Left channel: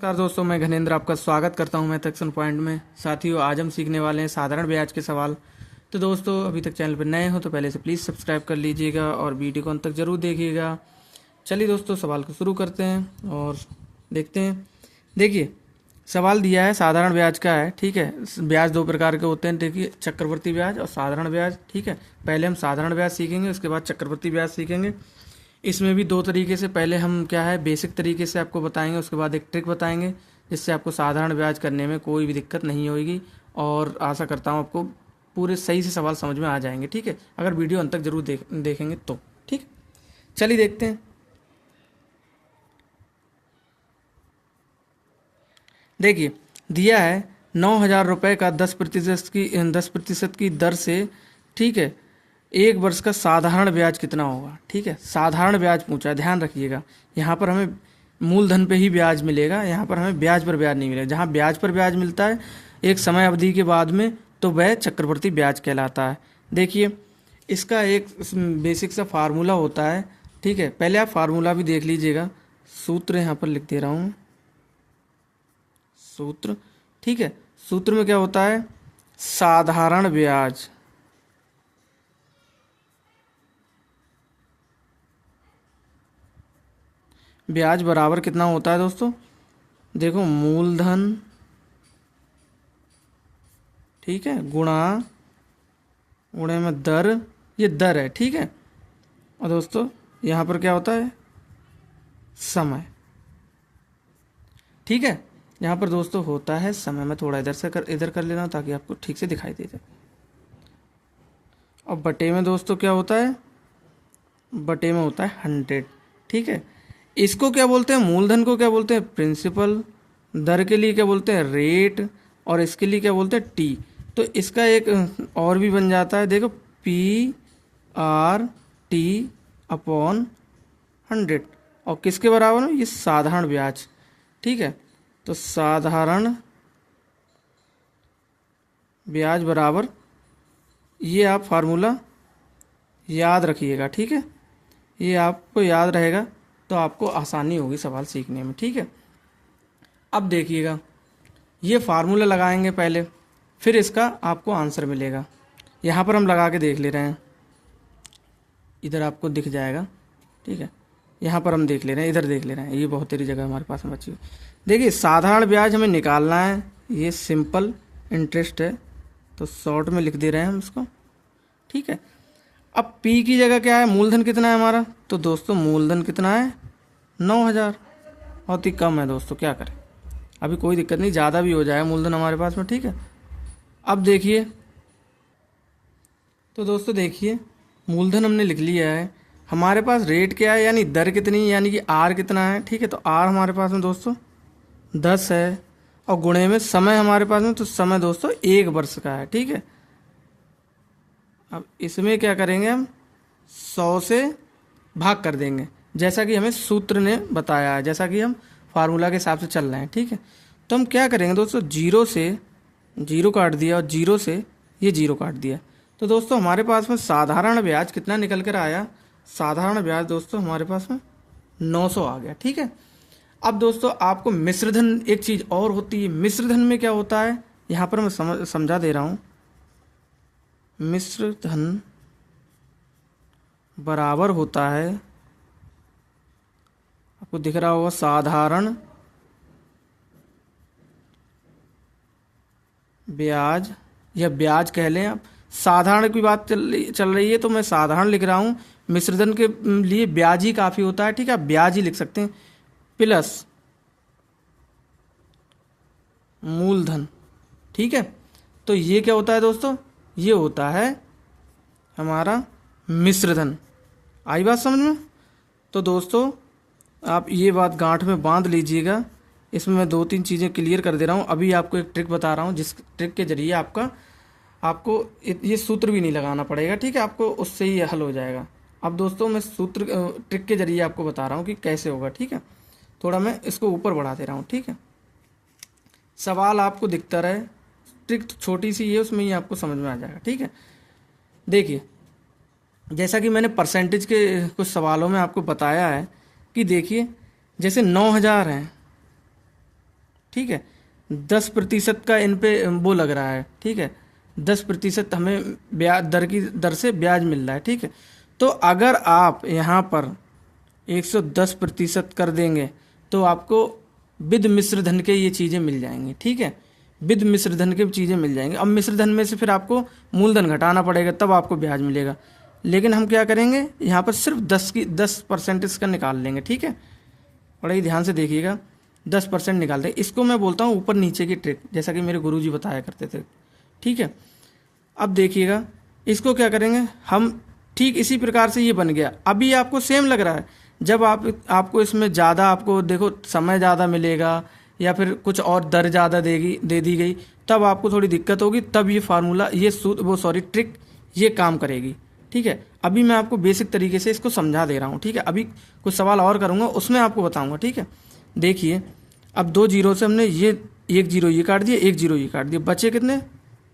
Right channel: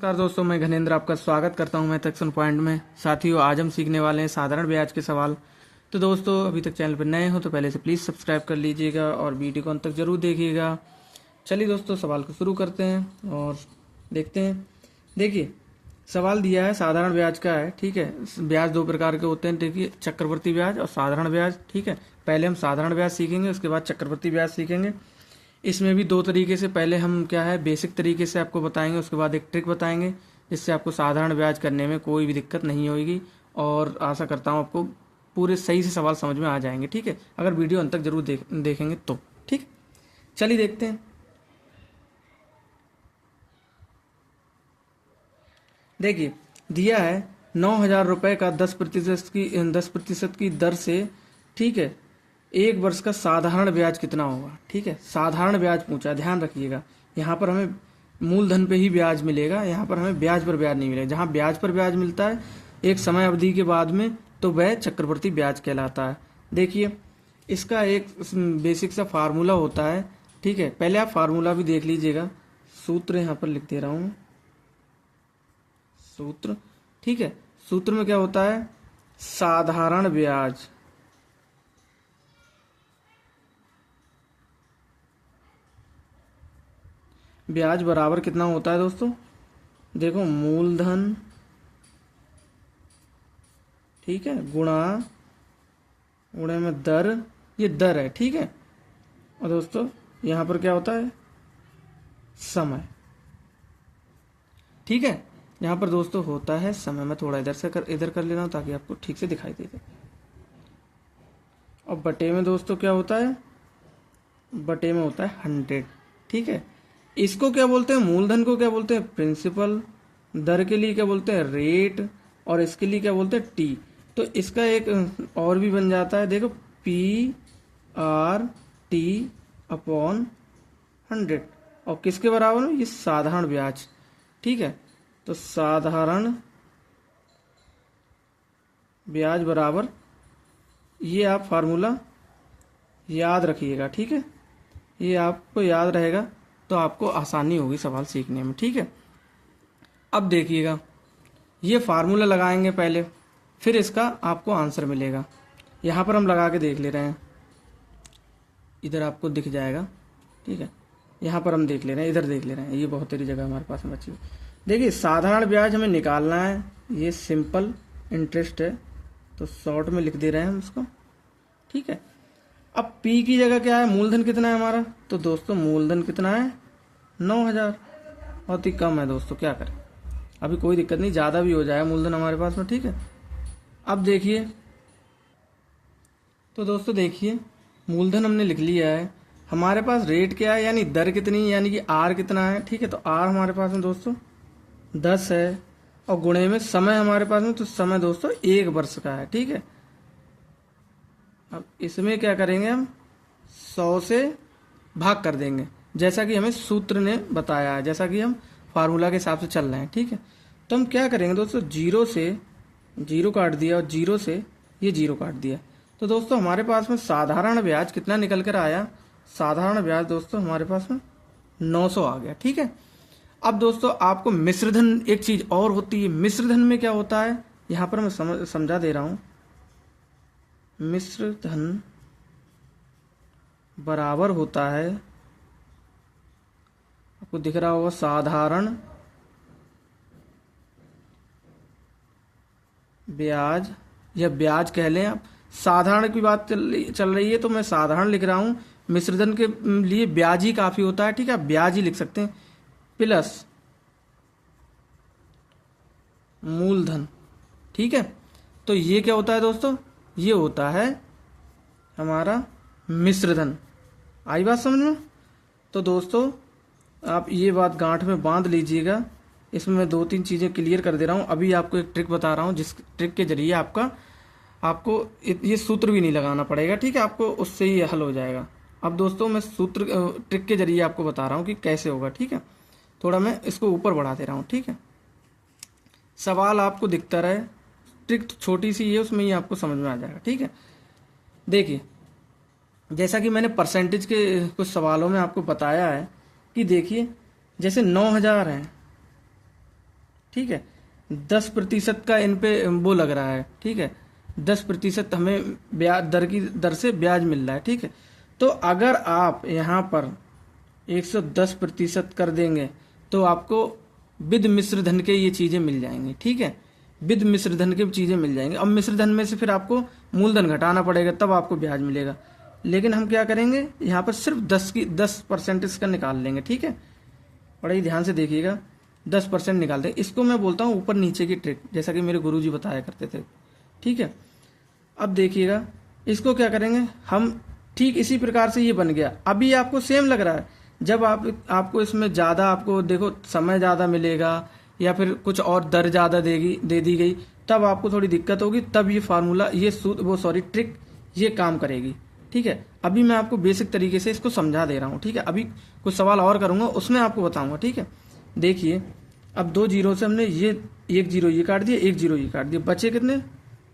नमस्कार दोस्तों, मैं घनेंद्र आपका स्वागत करता हूं मैथ एक्शन पॉइंट में। साथियों, आज हम सीखने वाले हैं साधारण ब्याज के सवाल। तो दोस्तों, अभी तक चैनल पर नए हो तो पहले से प्लीज़ सब्सक्राइब कर लीजिएगा और वीडियो को अंत तक जरूर देखिएगा। चलिए दोस्तों, सवाल को शुरू करते हैं और देखते हैं। देखिए, सवाल दिया है, साधारण ब्याज का है। ठीक है, ब्याज दो प्रकार के होते हैं। देखिए, चक्रवर्ती ब्याज और साधारण ब्याज। ठीक है, पहले हम साधारण ब्याज सीखेंगे, उसके बाद चक्रवर्ती ब्याज सीखेंगे। इसमें भी दो तरीके से, पहले हम क्या है बेसिक तरीके से आपको बताएंगे, उसके बाद एक ट्रिक बताएंगे जिससे आपको साधारण ब्याज करने में कोई भी दिक्कत नहीं होगी। और आशा करता हूँ आपको पूरे सही से सवाल समझ में आ जाएंगे। ठीक है, अगर वीडियो अंत तक जरूर देखेंगे तो। ठीक, चलिए देखते हैं। देखिए, दिया है 9,000 रुपये का 10% की दर से, ठीक है, एक वर्ष का साधारण ब्याज कितना होगा। ठीक है, साधारण ब्याज पूछा, ध्यान रखिएगा। यहाँ पर हमें मूलधन पे ही ब्याज मिलेगा, यहाँ पर हमें ब्याज पर ब्याज नहीं मिलेगा। जहाँ ब्याज पर ब्याज मिलता है एक समय अवधि के बाद में, तो वह चक्रवर्ती ब्याज कहलाता है। देखिए, इसका एक बेसिक सा फार्मूला होता है। ठीक है, पहले आप फार्मूला भी देख लीजिएगा। सूत्र यहाँ पर लिख दे रहा हूँ, सूत्र। ठीक है, सूत्र में क्या होता है, साधारण ब्याज ब्याज बराबर कितना होता है दोस्तों, देखो, मूलधन, ठीक है, गुणे में दर, ये दर है। ठीक है, और दोस्तों यहाँ पर क्या होता है, समय। ठीक है, यहाँ पर दोस्तों होता है समय। मैं थोड़ा इधर कर ले रहा हूँ ताकि आपको ठीक से दिखाई दे जाए। और बटे में दोस्तों क्या होता है, बटे में होता है 100। ठीक है, इसको क्या बोलते हैं, मूलधन को क्या बोलते हैं, प्रिंसिपल। दर के लिए क्या बोलते हैं, रेट। और इसके लिए क्या बोलते हैं, टी। तो इसका एक और भी बन जाता है, देखो, PRT/100। और किसके बराबर है, ये साधारण ब्याज। ठीक है, तो साधारण ब्याज बराबर, ये आप फार्मूला याद रखिएगा। ठीक है, ये आपको याद रहेगा तो आपको आसानी होगी सवाल सीखने में। ठीक है, अब देखिएगा, ये फार्मूला लगाएंगे पहले, फिर इसका आपको आंसर मिलेगा। यहाँ पर हम लगा के देख ले रहे हैं, इधर आपको दिख जाएगा। ठीक है, यहाँ पर हम देख ले रहे हैं, इधर देख ले रहे हैं, ये बहुत सारी जगह हमारे पास बची हुई। देखिए, साधारण ब्याज हमें निकालना है, ये सिंपल इंटरेस्ट है, तो शॉर्ट में लिख दे रहे हैं हम इसको। ठीक है, अब P की जगह क्या है, मूलधन कितना है हमारा, तो दोस्तों मूलधन कितना है, 9,000। बहुत ही कम है दोस्तों, क्या करें, अभी कोई दिक्कत नहीं, ज़्यादा भी हो जाएगा मूलधन हमारे पास में। ठीक है, अब देखिए, तो दोस्तों देखिए, मूलधन हमने लिख लिया है, हमारे पास रेट क्या है, यानी दर कितनी, यानी कि R कितना है। ठीक है, तो R हमारे पास में दोस्तों 10 है, और गुणे में समय हमारे पास में, तो समय दोस्तों 1 वर्ष का है। ठीक है, अब इसमें क्या करेंगे, हम 100 से भाग कर देंगे, जैसा कि हमें सूत्र ने बताया है, जैसा कि हम फार्मूला के हिसाब से चल रहे हैं। ठीक है, तो हम क्या करेंगे दोस्तों, 0 से 0 काट दिया, और 0 से ये 0 काट दिया। तो दोस्तों हमारे पास में साधारण ब्याज कितना निकल कर आया, साधारण ब्याज दोस्तों हमारे पास में 900 आ गया। ठीक है, अब दोस्तों आपको मिश्रधन, एक चीज़ और होती है, मिश्रधन में क्या होता है, यहाँ पर मैं समझा दे रहा हूँ। मिश्रधन बराबर होता है, आपको दिख रहा होगा, साधारण ब्याज, या ब्याज कह लें आप। साधारण की बात चल रही है तो मैं साधारण लिख रहा हूँ, मिश्रधन के लिए ब्याज ही काफ़ी होता है। ठीक है, आप ब्याज ही लिख सकते हैं, प्लस मूलधन। ठीक है, तो ये क्या होता है दोस्तों, ये होता है हमारा मिश्रधन। आई बात समझ में। तो दोस्तों आप ये बात गांठ में बांध लीजिएगा। इसमें मैं 2-3 चीज़ें क्लियर कर दे रहा हूँ। अभी आपको एक ट्रिक बता रहा हूँ, जिस ट्रिक के जरिए आपको ये सूत्र भी नहीं लगाना पड़ेगा। ठीक है, आपको उससे ही हल हो जाएगा। अब दोस्तों मैं ट्रिक के जरिए आपको बता रहा हूँ कि कैसे होगा। ठीक है, थोड़ा मैं इसको ऊपर बढ़ा दे रहा हूँ। ठीक है, सवाल आपको दिखता रहे, ट्रिक छोटी सी है, उसमें ही आपको समझ में आ जाएगा। ठीक है, देखिए, जैसा कि मैंने परसेंटेज के कुछ सवालों में आपको बताया है कि देखिए, जैसे 9,000 हैं, ठीक है। 10% का इन पे वो लग रहा है, ठीक है, 10% हमें ब्याज दर की दर से ब्याज मिल रहा है, ठीक है। तो अगर आप यहाँ पर 110% कर देंगे तो आपको विद मिश्र धन के ये चीज़ें मिल जाएंगी, ठीक है, विद मिश्र धन के चीज़ें मिल जाएंगी। अब मिश्र धन में से फिर आपको मूलधन घटाना पड़ेगा, तब आपको ब्याज मिलेगा। लेकिन हम क्या करेंगे, यहाँ पर सिर्फ 10% इसका निकाल लेंगे, ठीक है। बड़ा ही ध्यान से देखिएगा, 10% निकाल दें। इसको मैं बोलता हूँ ऊपर नीचे की ट्रिक, जैसा कि मेरे गुरुजी बताया करते थे, ठीक है। अब देखिएगा, इसको क्या करेंगे हम, ठीक इसी प्रकार से ये बन गया। अभी आपको सेम लग रहा है, जब आपको इसमें ज़्यादा, आपको देखो समय ज़्यादा मिलेगा या फिर कुछ और दर ज़्यादा दे दी गई, तब आपको थोड़ी दिक्कत होगी, तब ये फार्मूला, ये ट्रिक ये काम करेगी, ठीक है। अभी मैं आपको बेसिक तरीके से इसको समझा दे रहा हूँ, ठीक है। अभी कुछ सवाल और करूँगा, उसमें आपको बताऊँगा, ठीक है। देखिए, अब 2 जीरो से हमने ये 1 जीरो ये काट दिया, 1 जीरो ये काट दिया, बचे कितने,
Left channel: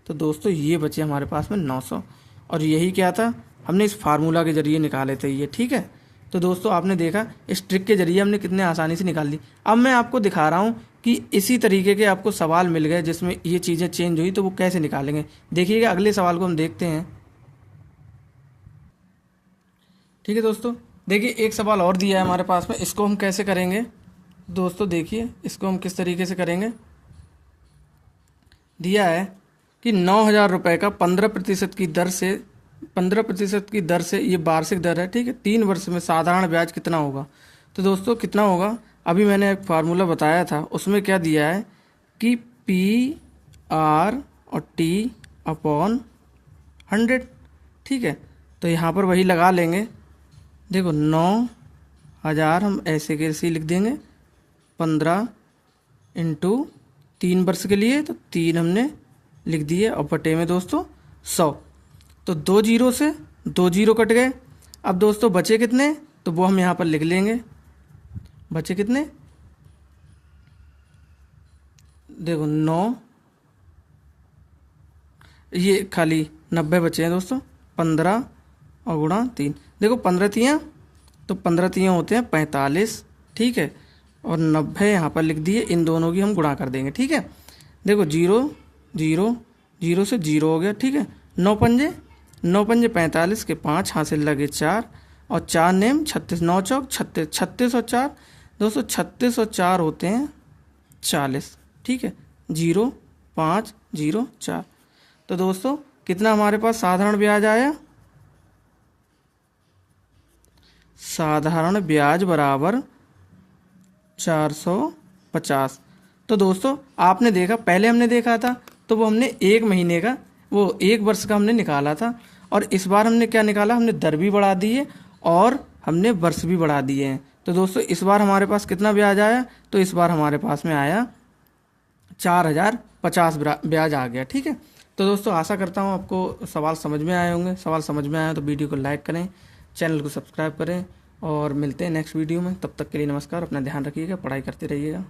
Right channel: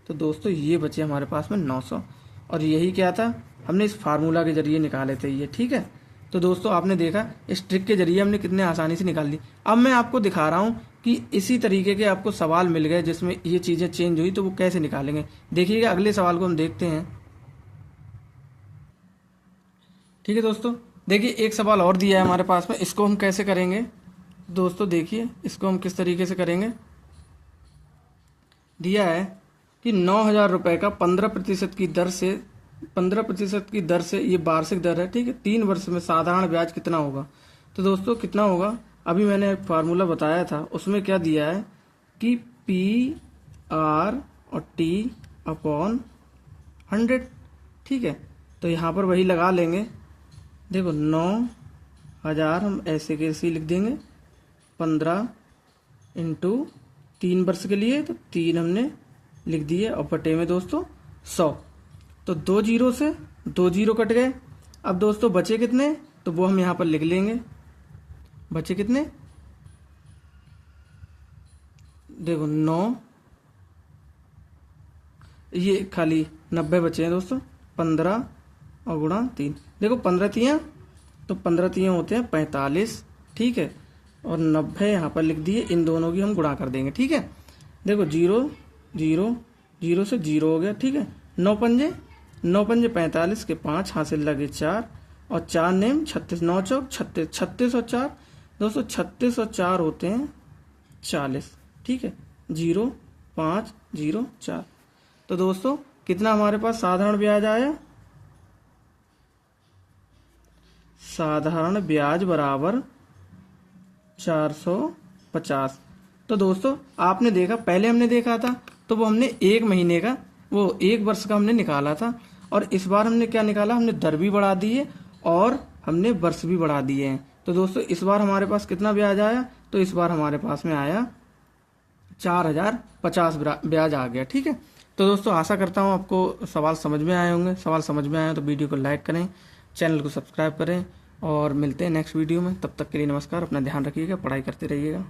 तो दोस्तों ये बचे हमारे पास में 900। और यही क्या था, हमने इस फार्मूला के जरिए निकाले थे ये, ठीक है। तो दोस्तों आपने देखा, इस ट्रिक के जरिए हमने कितने आसानी से निकाल दी। अब मैं आपको दिखा रहा हूँ कि इसी तरीके के आपको सवाल मिल गए जिसमें ये चीज़ें चेंज हुई, तो वो कैसे निकालेंगे। देखिएगा, अगले सवाल को हम देखते हैं, ठीक है दोस्तों। देखिए, एक सवाल और दिया है हमारे पास में, इसको हम कैसे करेंगे दोस्तों। देखिए, इसको हम किस तरीके से करेंगे। दिया है कि 9,000 रुपये का 15% की दर से ये वार्षिक दर है, ठीक है। 3 वर्ष में साधारण ब्याज कितना होगा। तो दोस्तों कितना होगा, अभी मैंने एक फार्मूला बताया था, उसमें क्या दिया है कि PR और T/100, ठीक है। तो यहाँ पर वही लगा लेंगे। देखो, 9,000 हम ऐसे कैसे लिख देंगे, 15 इंटू 3 वर्ष के लिए, तो 3 हमने लिख दिए, और बटे में दोस्तों 100। तो 2 जीरो से 2 जीरो कट गए। अब दोस्तों बचे कितने, तो वो हम यहाँ पर लिख लेंगे। बचे कितने, देखो 9, ये खाली 90 बचे हैं दोस्तों। 15 और गुणा 3, देखो 15 तियाँ, तो 15 तियाँ होते हैं 45, ठीक है। और 90 यहाँ पर लिख दिए, इन दोनों की हम गुणा कर देंगे, ठीक है। देखो 0 0 0 से 0 हो गया, ठीक है। 9 पंजे 45 के 5 हासिल लगे 4, और 4 नेम 36, 9 चौक 36, 36 और 4 दोस्तों, 36 और 4 होते हैं 40, ठीक है। 0 5 0 4। तो दोस्तों कितना हमारे पास साधारण ब्याज आया, साधारण ब्याज बराबर 450। तो दोस्तों आपने देखा, पहले हमने देखा था तो वो हमने 1 महीने का, वो 1 वर्ष का हमने निकाला था, और इस बार हमने क्या निकाला, हमने दर भी बढ़ा दी है और हमने वर्ष भी बढ़ा दिए हैं। तो दोस्तों इस बार हमारे पास कितना ब्याज आया, तो इस बार हमारे पास में आया 4,050 ब्याज आ गया, ठीक है। तो दोस्तों आशा करता हूँ आपको सवाल समझ में आए होंगे। सवाल समझ में आए तो वीडियो को लाइक करें, चैनल को सब्सक्राइब करें, और मिलते हैं नेक्स्ट वीडियो में। तब तक के लिए नमस्कार, अपना ध्यान रखिएगा, पढ़ाई करते रहिएगा।